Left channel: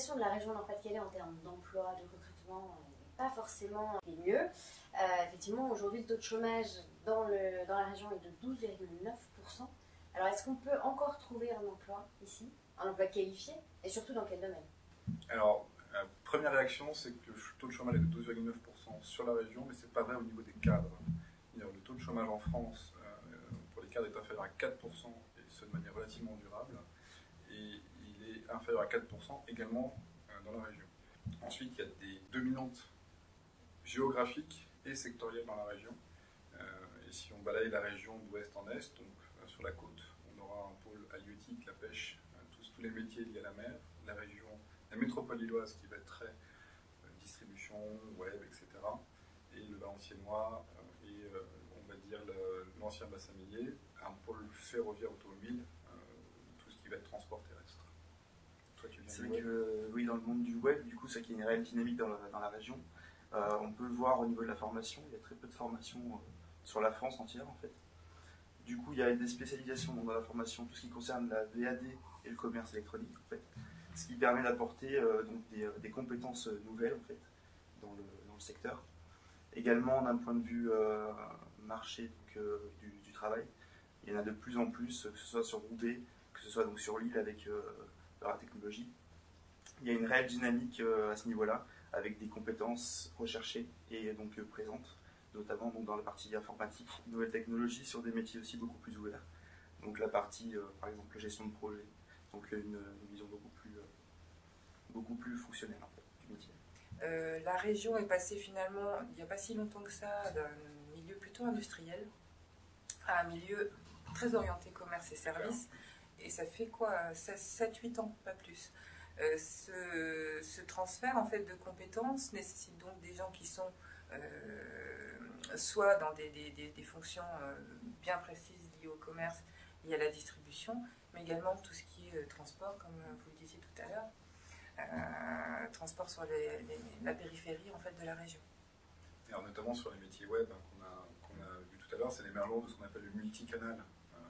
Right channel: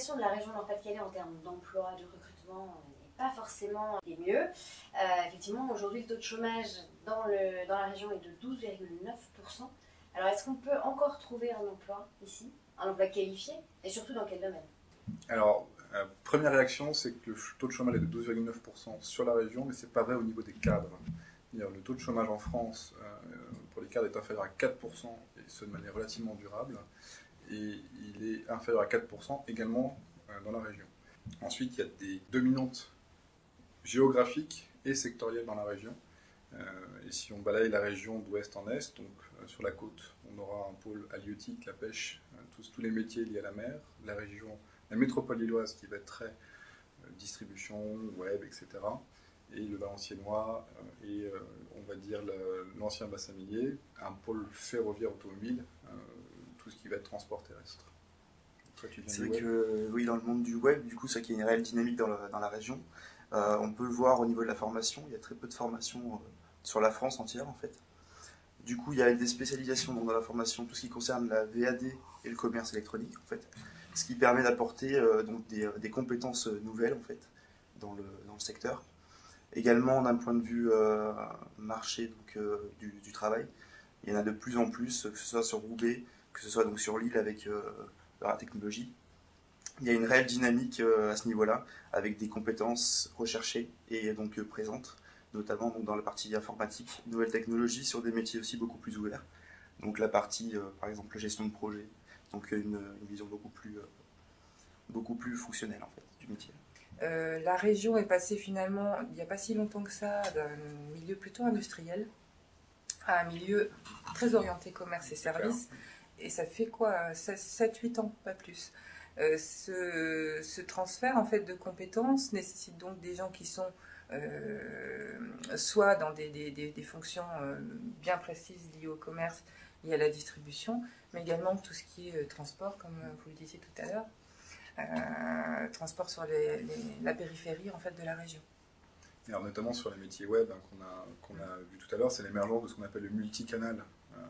situation de la région Nord-Pas-de-Calais en termes d'emploi, de recrutement n'est pas forcément des mieux. Effectivement, aujourd'hui, le taux de chômage dans la région est de 12,9%. Alors, est-ce qu'on peut encore trouver un emploi ici, un emploi qualifié, et surtout dans quel domaine? Alors, première réaction, c'est que le taux de chômage est de 12,9% sur la région, mais ce n'est pas vrai au niveau des cadres. Le taux de chômage en France pour les cadres est inférieur à 4%, et ce de manière relativement durable, et il est inférieur à 4% également dans la région. Ensuite, il y a des dominantes géographiques et sectorielles dans la région. Et si on balaye la région d'ouest en est, donc sur la côte, on aura un pôle halieutique, la pêche, tous les métiers liés à la mer, la métropole lilloise qui va être très distribution, web, etc. Et le Valenciennois et on va dire l'ancien bassin minier, un pôle ferroviaire automobile, tout ce qui va être transport terrestre. C'est vrai que oui, dans le monde du web, du coup, c'est qu'il y a une réelle dynamique dans la région. On peut le voir au niveau de la formation, il y a très peu de formation sur la France entière en fait. Du coup, il y a des spécialisations dans la formation, tout ce qui concerne la VAD et le commerce électronique en fait, ce qui permet d'apporter donc des compétences nouvelles en fait dans le secteur. Également d'un point de vue marché donc, du travail, il y en a de plus en plus, que ce soit sur Roubaix, que ce soit donc sur Lille avec la technologie. Il y a une réelle dynamique à ce niveau-là, avec des compétences recherchées et donc présentes, notamment donc, dans la partie informatique, nouvelles technologies sur des métiers aussi beaucoup plus ouverts. Donc la partie, par exemple, gestion de projet, donc une vision beaucoup plus fonctionnelle en fait, du métier. La région est passée finalement, il n'y a pas si longtemps que ça, d'un milieu plutôt industriel à un milieu très orienté commerce et services. Et ça fait quoi, 7-8 ans, pas plus. Ce transfert en fait, de compétences nécessite donc des gens qui sont soit dans des fonctions bien précises liées au commerce, liées à la distribution, mais également tout ce qui est transport, comme vous le disiez tout à l'heure. Transport sur la périphérie en fait, de la région. Alors, notamment sur les métiers web qu'on a vu tout à l'heure, c'est l'émergence de ce qu'on appelle le multicanal.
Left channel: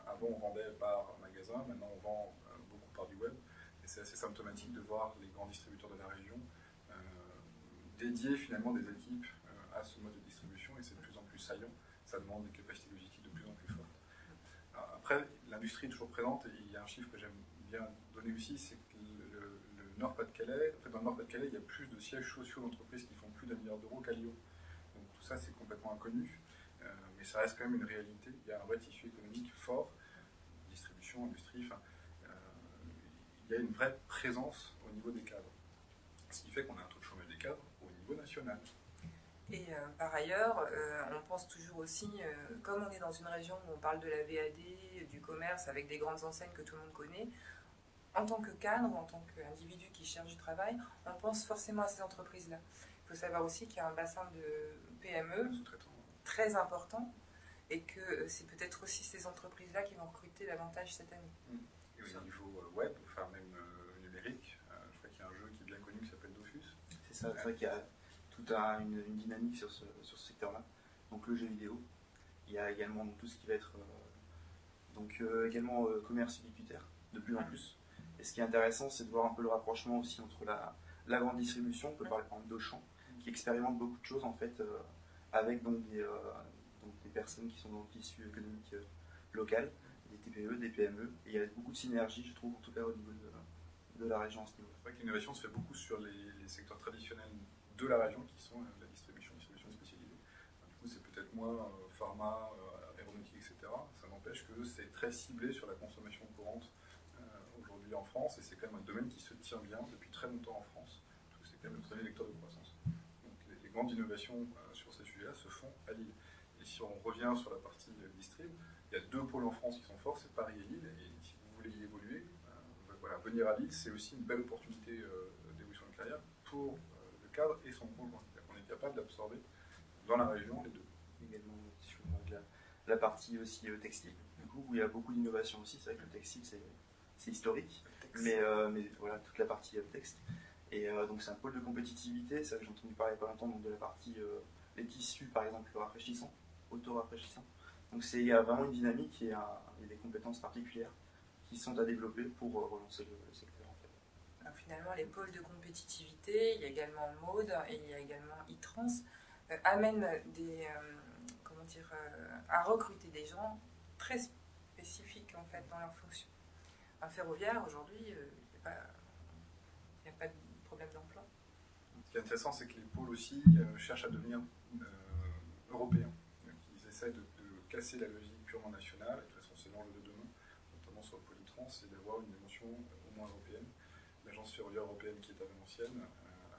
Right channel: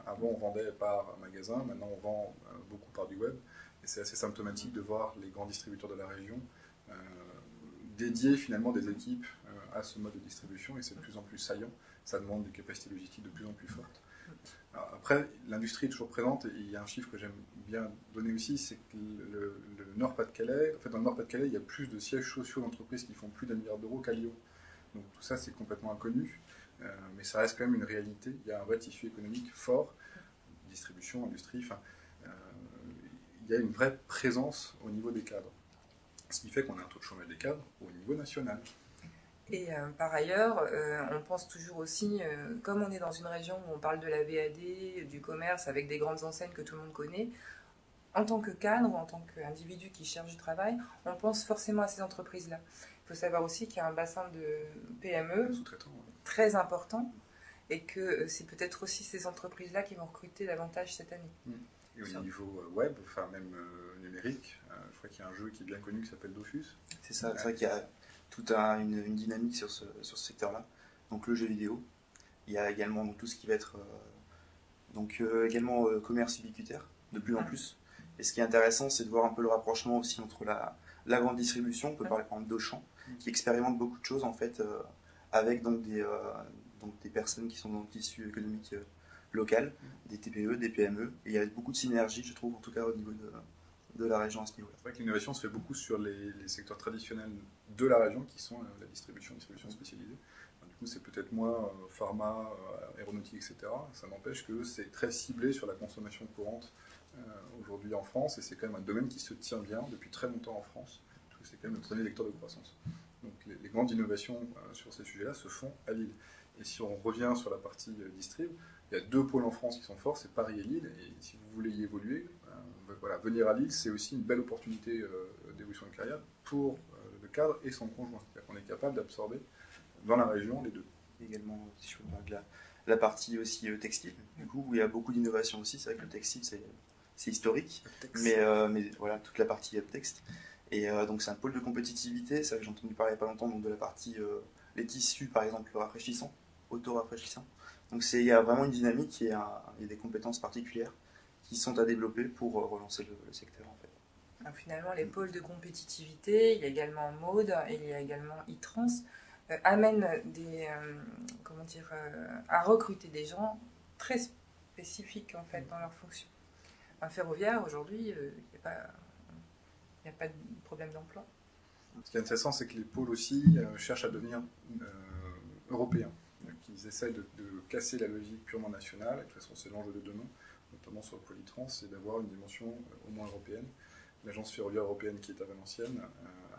Avant, on vendait par magasin, maintenant on vend beaucoup par du web. Et c'est assez symptomatique de voir les grands distributeurs de la région dédier finalement des équipes à ce mode de distribution, et c'est de plus en plus saillant. Ça demande des capacités logistiques de plus en plus fortes. Alors, après, l'industrie est toujours présente, et il y a un chiffre que j'aime bien donner aussi, c'est que le Nord-Pas-de-Calais, en fait dans le Nord-Pas-de-Calais, il y a plus de sièges sociaux d'entreprises qui font plus d'1 milliard d'euros qu'à Lyon. Donc tout ça, c'est complètement inconnu, mais ça reste quand même une réalité. Il y a un vrai tissu économique fort, distribution, industrie, il y a une vraie présence au niveau des cadres. Ce qui fait qu'on a un taux de chômage des cadres au niveau national. Et par ailleurs, on pense toujours aussi, comme on est dans une région où on parle de la VAD, du commerce, avec des grandes enseignes que tout le monde connaît, en tant que cadre, en tant qu'individu qui cherche du travail, on pense forcément à ces entreprises-là. Il faut savoir aussi qu'il y a un bassin de PME très important, et que c'est peut-être aussi ces entreprises-là qui vont recruter davantage cette année. Et au niveau web, enfin même numérique, je crois qu'il y a un jeu qui est bien connu qui s'appelle Dofus. C'est ça, c'est vrai qu'il y a toute une dynamique sur ce secteur-là. Donc le jeu vidéo, il y a également donc, tout ce qui va être également commerce ubiquitaire, de plus en plus. Et ce qui est intéressant, c'est de voir un peu le rapprochement aussi entre la grande distribution, on peut parler par exemple d'Auchan, qui expérimente beaucoup de choses en fait, avec donc des personnes qui sont dans le tissu économique local, des TPE, des PME, et il y a beaucoup de synergie, je trouve, en tout cas au niveau de la région à ce niveau-là. C'est vrai que l'innovation se fait beaucoup sur les secteurs traditionnels de la région, qui sont la distribution spécialisée. Du coup, c'est peut-être moins pharma, aéronautique, etc. Ça n'empêche que c'est très ciblé sur la consommation courante aujourd'hui en France, et c'est quand même un domaine qui se tient bien depuis très longtemps en France, parce que c'est quand même le premier vecteur de croissance. Donc les grandes innovations sur ces sujets-là se font à Lille. Et si on revient sur la partie distrib, il y a 2 pôles en France qui sont forts, c'est Paris et Lille, et si vous voulez y évoluer, venir à Lille, c'est aussi une belle opportunité d'évolution de carrière pour le cadre et son conjoint. C'est-à-dire qu'on est capable d'absorber dans la région les deux. Également, si je peux parler de la partie aussi textile, du coup, où il y a beaucoup d'innovation aussi. C'est vrai que le textile, c'est historique, mais voilà, toute la partie texte. Et donc c'est un pôle de compétitivité. C'est vrai que j'ai entendu parler il n'y a pas longtemps donc, de la partie les tissus, par exemple, rafraîchissants, auto-rafraîchissants. Donc il y a vraiment une dynamique et il y a des compétences particulières qui sont à développer pour relancer le secteur en fait. Donc, finalement, les pôles de compétitivité, il y a également Mode et il y a également e-trans, amènent à recruter des gens très spécifiques en fait dans leur fonction. Un ferroviaire, aujourd'hui, il n'y a pas de problème d'emploi. Ce qui est intéressant, c'est que les pôles aussi cherchent à devenir européens. Donc, ils essaient de casser la logique purement nationale. Et de toute façon, c'est l'enjeu de demain, notamment sur le pôle e-trans, c'est d'avoir une dimension au moins européenne. L'agence ferroviaire européenne qui est à Valenciennes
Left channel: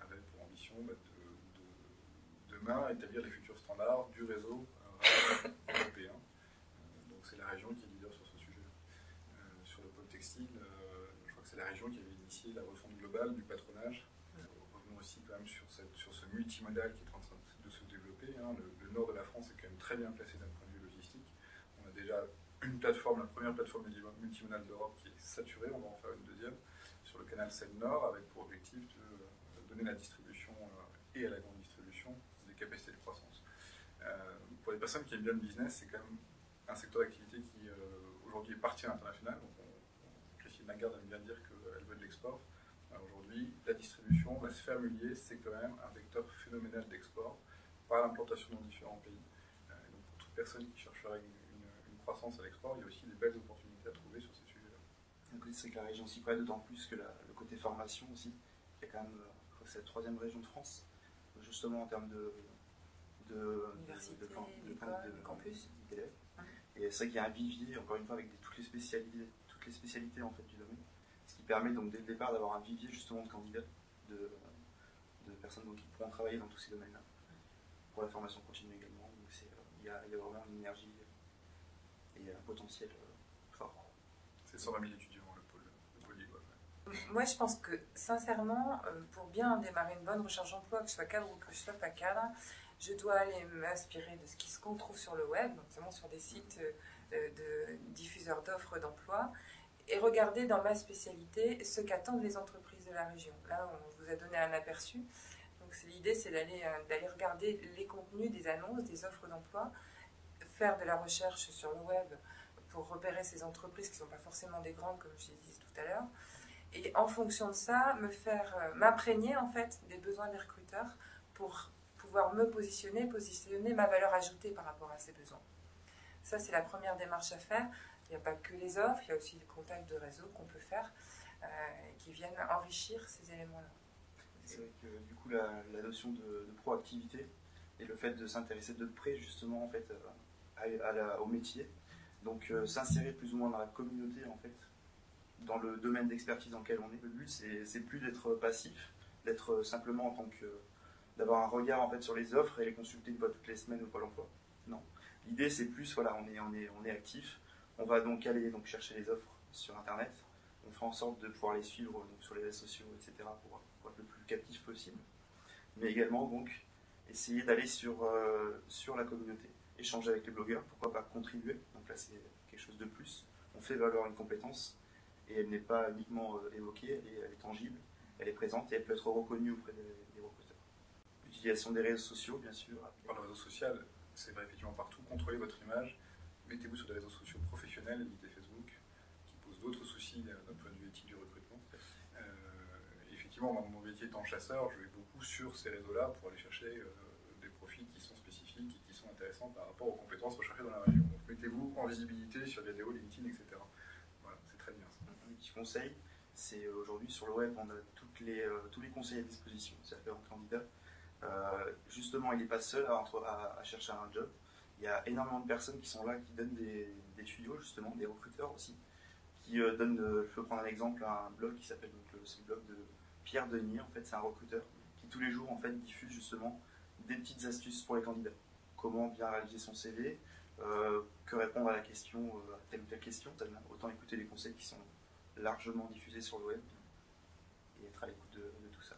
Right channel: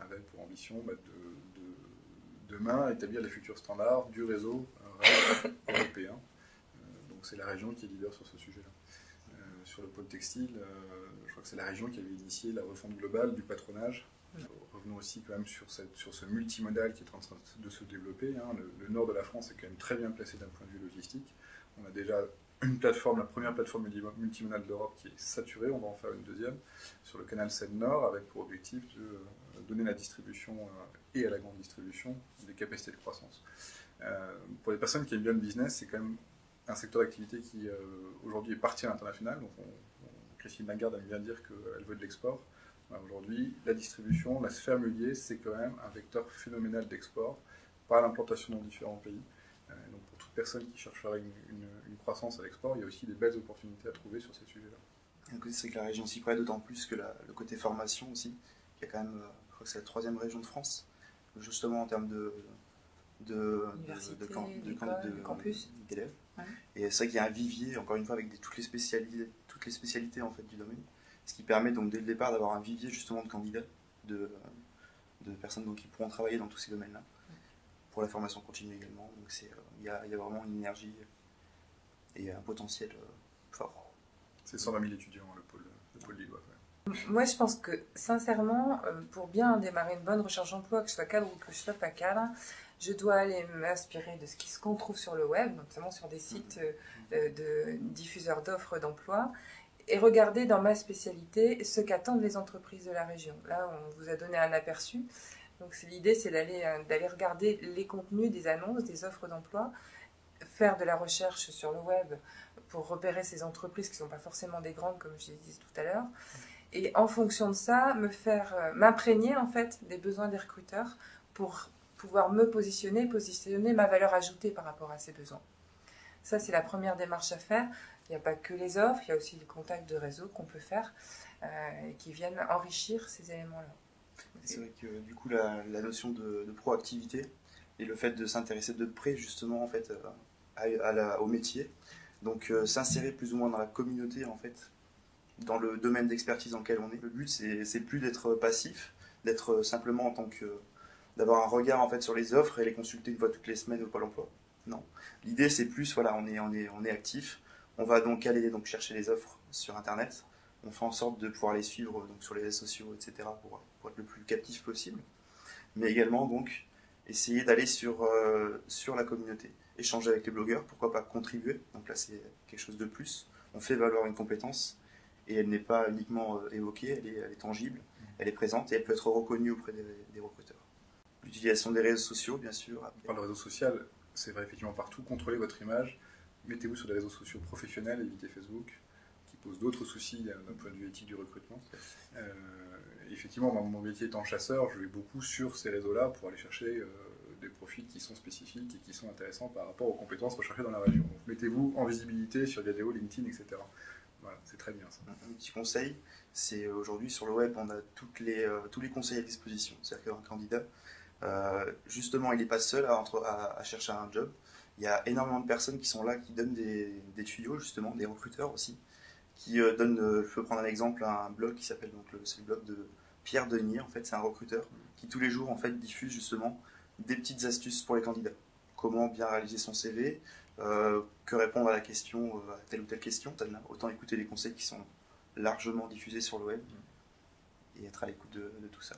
avait pour ambition de demain établir les futurs standards du réseau rail européen. Donc c'est la région qui est leader sur ce sujet-là. Sur le pôle textile, je crois que c'est la région qui avait initié la refonte globale du patronage. Revenons aussi quand même sur ce multimodal qui est en train de se développer. Le nord de la France est quand même très bien placé d'un point de vue logistique. On a déjà une plateforme, la première plateforme multimodale d'Europe qui est saturée. On va en faire une deuxième sur le canal Seine-Nord avec pour objectif de donner la distribution et à la grande distribution des capacités de croissance. Pour les personnes qui aiment bien le business, c'est quand même un secteur d'activité qui aujourd'hui est parti à l'international. Donc Christine Lagarde aime bien dire qu'elle veut de l'export. Aujourd'hui, la distribution, la sphère mulier, c'est quand même un vecteur phénoménal d'export par l'implantation dans différents pays. Donc pour toute personne qui chercherait une croissance à l'export, il y a aussi des belles opportunités à trouver sur ces sujets-là. C'est que la région s'y prête d'autant plus que le côté formation aussi. Il y a quand même, je crois que c'est la 3e région de France, justement en termes de campus d'élèves. Ouais. Et c'est vrai qu'il y a un vivier, encore une fois, avec toutes les spécialités en fait, du domaine, ce qui permet donc dès le départ d'avoir un vivier justement de candidats, de personnes donc, qui pourront travailler dans tous ces domaines-là, pour la formation continue également. Donc il y a vraiment une énergie et un potentiel fort. C'est 120 000 étudiants, le pôle lillois. Ouais. Moi, je pense que, sincèrement, pour bien démarrer une bonne recherche d'emploi, que je sois cadre ou que je ne sois pas cadre, je dois aller m'inspirer de ce qu'on trouve sur le web, notamment sur des sites de diffuseurs d'offres d'emploi, et regarder dans ma spécialité ce qu'attendent les entreprises de la région. Là, on vous a donné un aperçu. Donc, l'idée, c'est d'aller regarder les contenus des annonces, des offres d'emploi, faire de la recherche sur le web pour repérer ces entreprises qui ne sont pas forcément des grandes, comme je l'ai dit tout à l'heure. Et en fonction de ça, m'imprégner en fait des besoins des recruteurs pour pouvoir me positionner ma valeur ajoutée par rapport à ces besoins. Ça, c'est la première démarche à faire. Il n'y a pas que les offres, il y a aussi les contacts de réseau qu'on peut faire et qui viennent enrichir ces éléments-là. C'est vrai que du coup, la notion de proactivité et le fait de s'intéresser de près justement en fait au métier, donc s'insérer plus ou moins dans la communauté en fait, dans le domaine d'expertise dans lequel on est. Le but, c'est plus d'être passif, d'être simplement en tant que d'avoir un regard en fait sur les offres et les consulter une fois toutes les semaines au Pôle emploi. Non. L'idée, c'est plus, voilà, on est actif. On va donc aller chercher les offres sur Internet. On fait en sorte de pouvoir les suivre donc, sur les réseaux sociaux, etc. pour être le plus captif possible. Mais également, donc, essayer d'aller sur la communauté. Échanger avec les blogueurs, pourquoi pas contribuer. Donc là, c'est quelque chose de plus. On fait valoir une compétence et elle n'est pas uniquement évoquée, elle est tangible, elle est présente et elle peut être reconnue auprès des recruteurs. L'utilisation des réseaux sociaux, bien sûr. On parle de réseau social, c'est vrai effectivement partout. Contrôlez votre image. Mettez-vous sur des réseaux sociaux professionnels, évitez Facebook, qui pose d'autres soucis d'un point de vue éthique du recrutement. Effectivement, mon métier étant chasseur, je vais beaucoup sur ces réseaux-là pour aller chercher des profils qui sont spécifiques et qui sont intéressants par rapport aux compétences recherchées dans la région. Donc mettez-vous en visibilité sur Viadeo, LinkedIn, etc. Voilà, c'est très bien ça. Un petit conseil, c'est aujourd'hui sur le web, on a tous les conseils à disposition. C'est-à-dire qu'un candidat, justement, il n'est pas seul à chercher un job. Il y a énormément de personnes qui sont là, qui donnent des tuyaux, justement, des recruteurs aussi, qui donnent, je peux prendre un exemple, un blog qui s'appelle, c'est le blog de Pierre Denier, en fait, c'est un recruteur qui tous les jours, en fait, diffuse justement des petites astuces pour les candidats. Comment bien réaliser son CV, que répondre à la question, à telle ou telle question. Autant écouter les conseils qui sont largement diffusés sur le web et être à l'écoute de tout ça.